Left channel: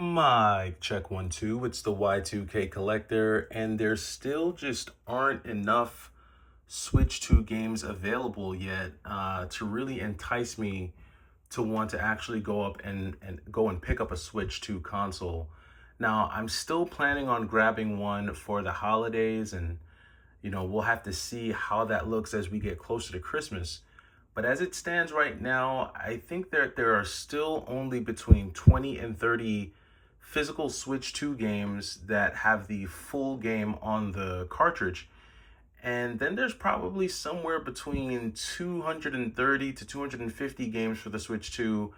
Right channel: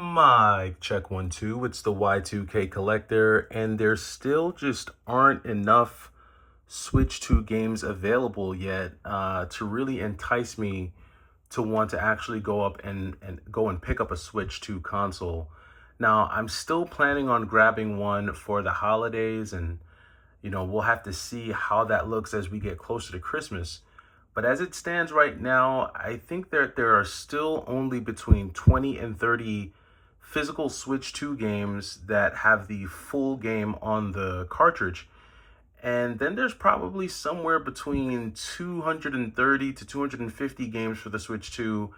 Mic check 1 2. It's the Y2K collector, and there still just aren't enough Switch 2 games available yet to really entice me to want to actually go up and go and pick up a Switch 2 console. Now, I'm still planning on grabbing one for the holidays, and we'll have to see how that looks as we get closer to Christmas. But as it stands right now, I think that there are still only between 20 and 30 physical Switch 2 games that have the full game on the cartridge. And then there's probably somewhere between 230 to 250 games for the Switch 2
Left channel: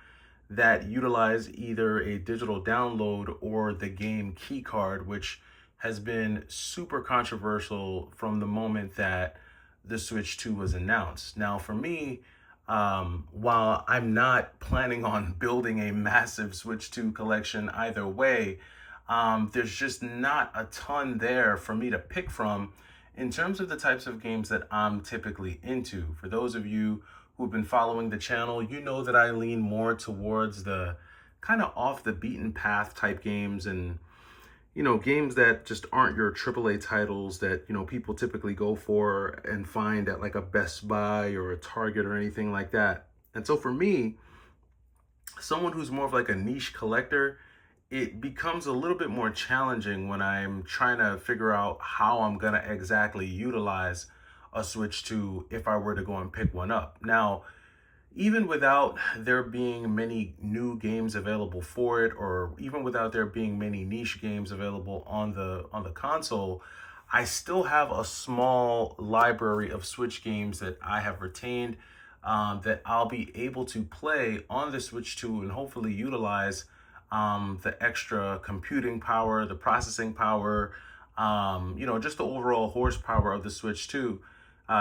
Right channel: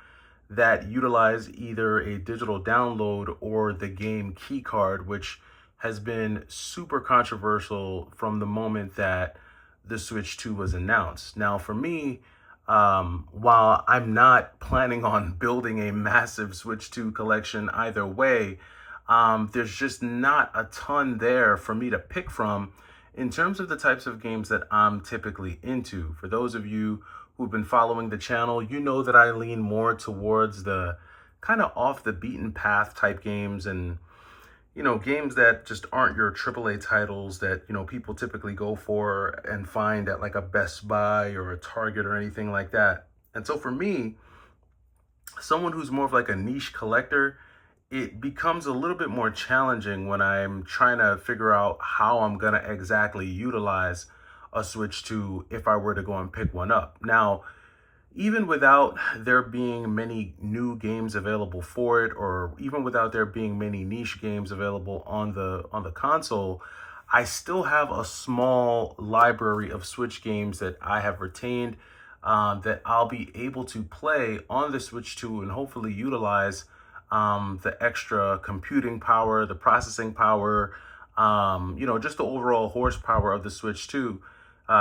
that utilize either a digital download or the game key card, which has been super controversial from the moment that the Switch 2 was announced. Now, for me, while I'm not planning on building a massive Switch 2 collection either way, there's just not a ton there for me to pick from in terms of the types of games that I'm typically into. For those of you who've been following the channel, you know that I lean more towards the kind of off the beaten path type games, and games that just aren't your AAA titles that, people typically go for and find at like a Best Buy or a Target or anything like that. And so for me, someone who's more of like a niche collector, it becomes a little bit more challenging when I'm trying to figure out how I'm going to exactly utilize a Switch 2 if I were to go and pick one up. Now, even without there being many new games available for it, or even without there being many niche games available on the console, I still have a small library of Switch games that I have retained, that I'll be able to play on the Switch 2 and hopefully utilize the extra computing power, the processing power, just the overall horsepower of the Switch 2,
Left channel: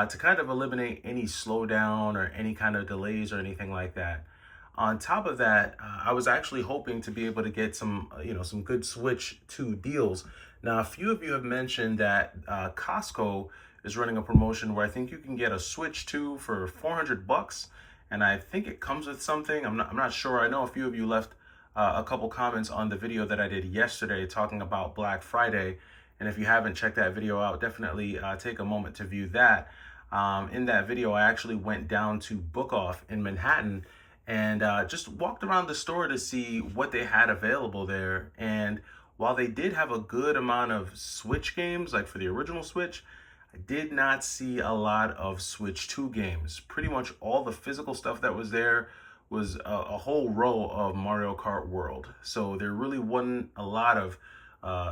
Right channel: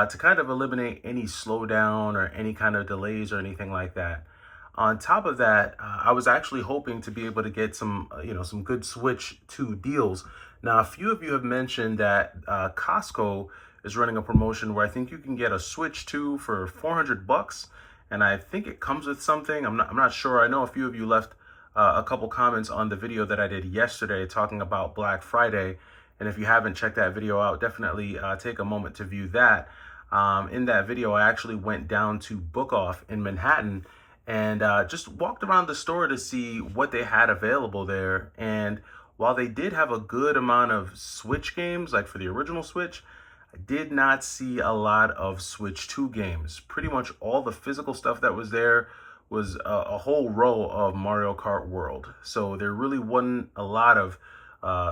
to kind of eliminate any slowdown or any kind of delays or anything like that. On top of that, I was actually hoping to be able to get some good Switch 2 deals. Now, a few of you have mentioned that Costco is running a promotion where I think you can get a Switch 2 for $400, and I think it comes with something. I'm not sure. I know a few of you left a couple comments on the video that I did yesterday talking about Black Friday. And if you haven't checked that video out, definitely take a moment to view that. In that video, I actually went down to Book Off in Manhattan and just walked around the store to see what they had available there. And while they did have a good amount of Switch games, like for the original Switch, I did not see a lot of Switch 2 games. Pretty much all the physical stuff that was there was a whole row of Mario Kart World. So there really wasn't a lot of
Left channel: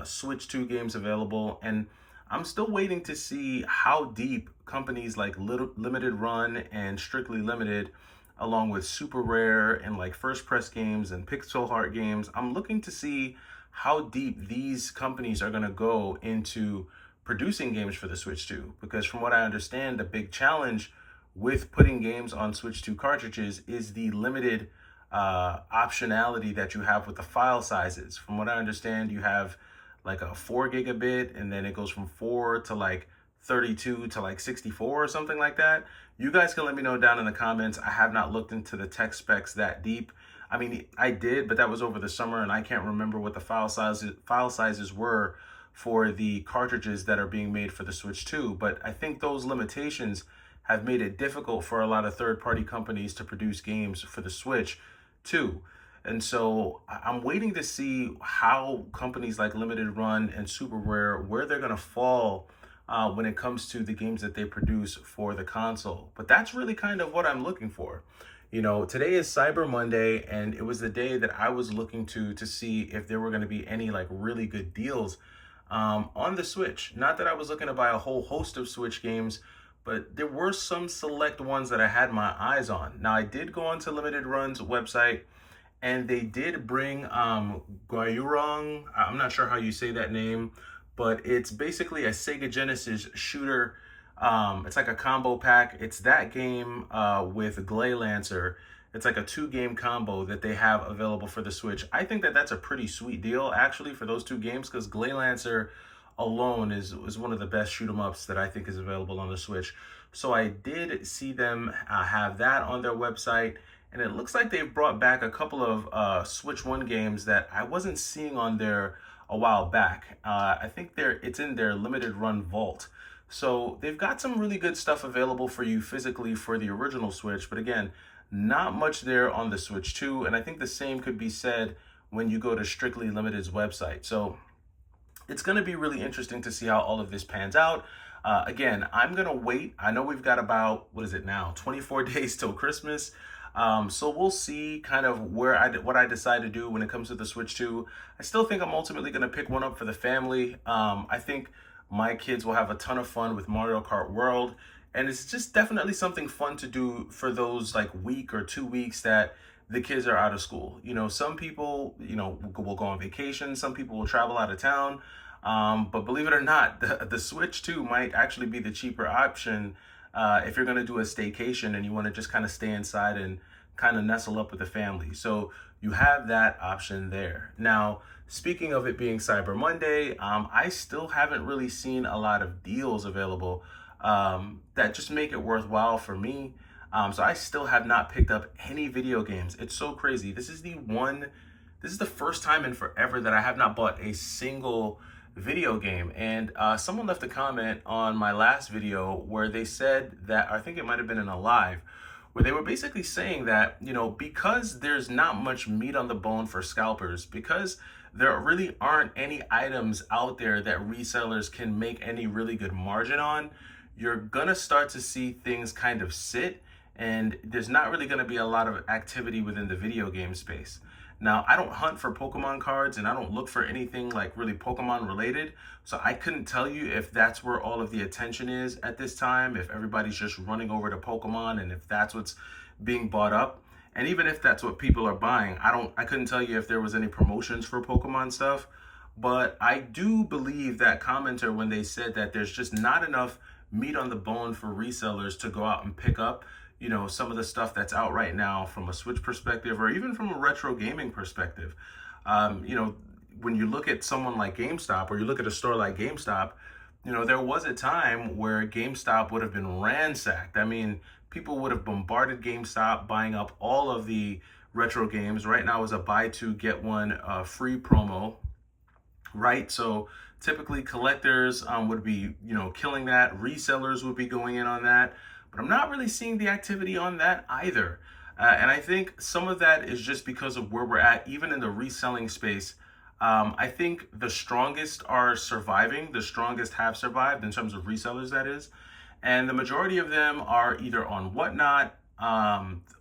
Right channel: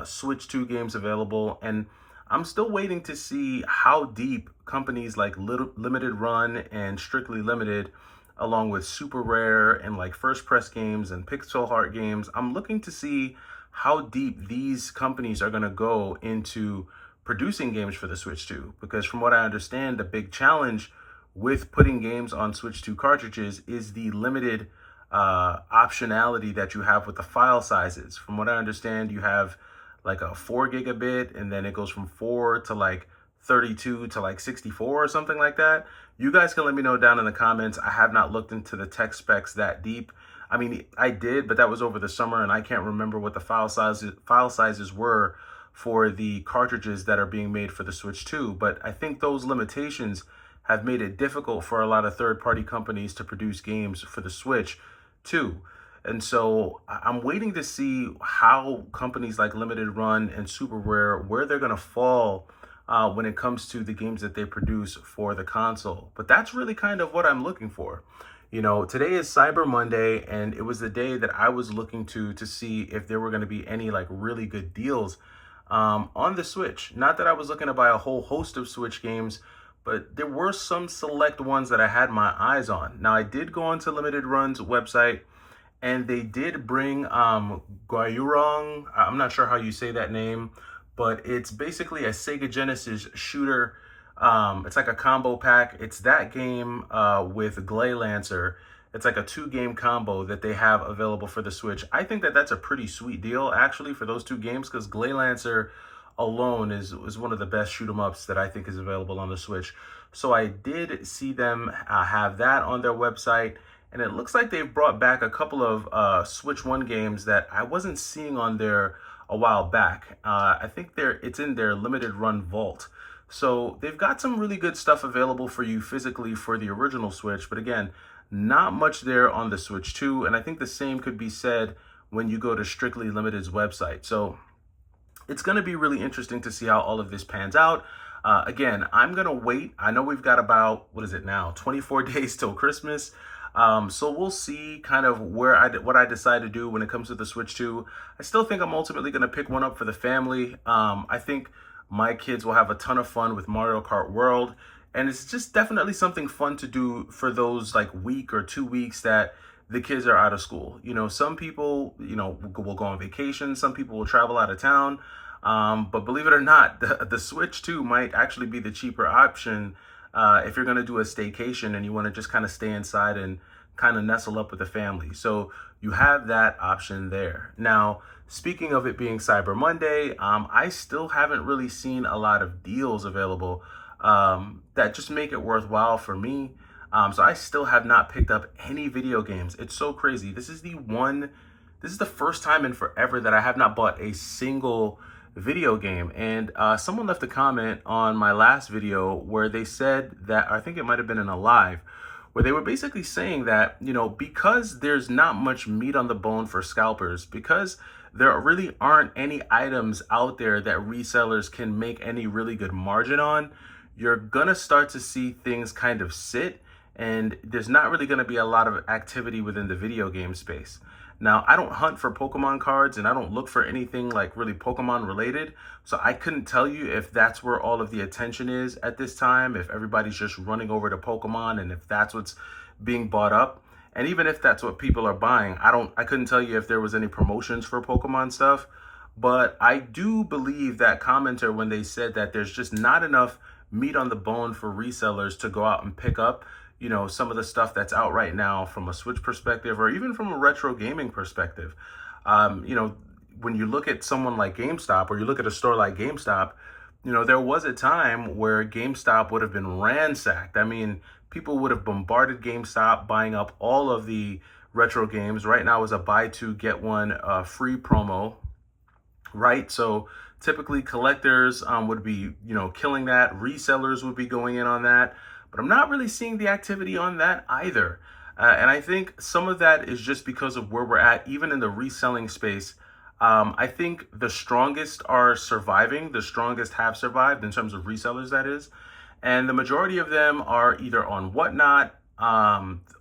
Switch 2 games available, and I'm still waiting to see how deep companies like Limited Run and Strictly Limited, along with Super Rare and like First Press Games and Pixel Heart Games, I'm looking to see how deep these companies are going to go into producing games for the Switch 2. Because from what I understand, the big challenge with putting games on Switch 2 cartridges is the limited optionality that you have with the file sizes. From what I understand, you have like a 4 gigabit, and then it goes from 4 to like 32 to like 64 or something like that. You guys can let me know down in the comments. I have not looked into the tech specs that deep. I mean, I did, but that was over the summer, and I can't remember what the file sizes were for the cartridges that are being made for the Switch 2. But I think those limitations have made it difficult for a lot of third-party companies to produce games for the Switch 2. And so I'm waiting to see how companies like Limited Run and Super Rare, where they're going to fall when it comes to the games that they produce for the console. But that's really kind of what I'm looking for. Today is Cyber Monday, and it was the day that I was looking to see if there were going to be any like really good deals on the Switch. Not that I was looking to buy a whole host of Switch games, but there were some select ones that I had my eyes on. Now, I did go onto Limited Run's website, and they did bring Guayurong. I'm not sure how you say that name, but it's basically a Sega Genesis shooter. It's like a combo pack. It's that game with Glay Lancer. It's like a 2-game combo that they have available for the Switch. I think that that's a pretty sweet deal, actually, for those 2 games, because Glay Lancer alone is one of the best shoot 'em ups that I think is available on the Switch. So I did see them have that on their website, And it looks like they've brought back a couple of Switch 1 games that I wasn't seeing on there a while back. I think it's in their limited run vault. So they've got some really good stuff available for you physically for the original Switch, but again, not much there on the Switch 2. And I think the same could be said when you go to Strictly Limited's website. So it's going to be really interesting to see how all of this pans out. Again, I'm going to wait. I know we've got about, what is it now, 24 days till Christmas. So we'll see kind of what I decide to do when it comes to the Switch 2. I still think I'm ultimately going to pick one up for the family. I think my kids will have a ton of fun with Mario Kart World. And it's just definitely something fun to do for those like week or 2 weeks that the kids are out of school. You know, some people, will go on vacation. Some people will travel out of town. But believe it or not, the Switch 2 might actually be the cheaper option if you're going to do a staycation and you want to just kind of stay inside and kind of nestle up with the family. So you have that option there. Now, speaking of it being Cyber Monday, I still haven't really seen a lot of deals available that just make it worthwhile for me. So I still have not picked up any video games. It's so crazy. This is the first time in forever that I have not bought a single video game. And someone left a comment on my last video where they said that, I think it might have been in a live, where they were basically saying that, because there's not much meat on the bone for scalpers, because there really aren't any items out there that resellers can make any really good margin on, you're gonna start to see things kind of sit, and there's not really gonna be a lot of activity within the video game space. Now, I don't hunt for Pokemon cards and I don't look for anything like really Pokemon related. So I couldn't tell you if that's where all of the attention is at this time, if everybody's just running over to Pokemon and if that's what's being bought up. And even if that's what people are buying, I couldn't tell you if there was any promotions for Pokemon stuff. But I do believe that commenter when they said that there's just not enough meat on the bone for resellers to go out and pick up some of the stuff that's out right now from a Switch perspective or even from a retro gaming perspective. When you look at someone like GameStop or you look at a store like GameStop, there was a time where GameStop would have been ransacked. I mean, people would have bombarded GameStop buying up all of the retro games. Right now is a buy two, get one free promo, right? So typically collectors would be, killing that. Resellers would be going in on that. But I'm not really seeing the activity on that either. And I think some of that is just because of where we're at, even in the reselling space. I think the strongest are surviving. The strongest have survived in terms of resellers, that is. And the majority of them are either on Whatnot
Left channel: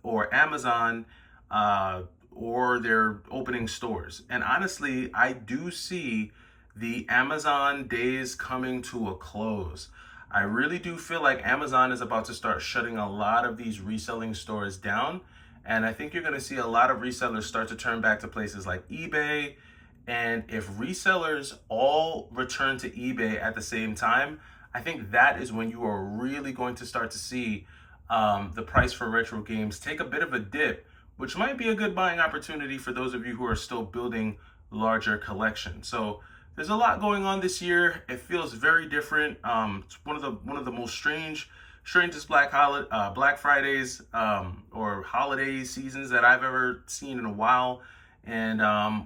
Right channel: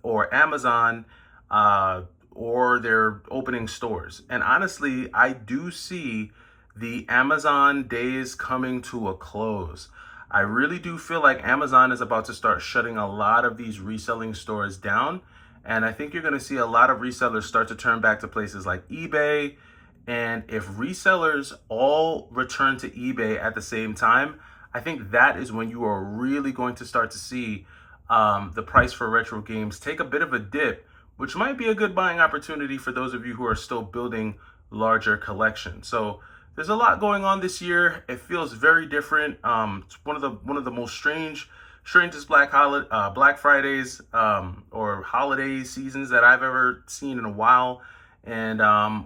or Amazon or they're opening stores. And honestly, I do see the Amazon days coming to a close. I really do feel like Amazon is about to start shutting a lot of these reselling stores down. And I think you're going to see a lot of resellers start to turn back to places like eBay. And if resellers all return to eBay at the same time, I think that is when you are really going to start to see the price for retro games take a bit of a dip, which might be a good buying opportunity for those of you who are still building larger collections. So there's a lot going on this year. It feels very different. It's one of the most strangest Black Fridays or holiday seasons that I've ever seen in a while. And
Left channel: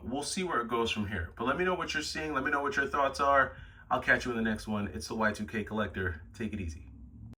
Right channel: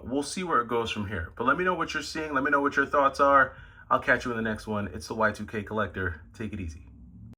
we'll see where it goes from here. But let me know what you're seeing. Let me know what your thoughts are. I'll catch you in the next one. It's the Y2K Collector. Take it easy.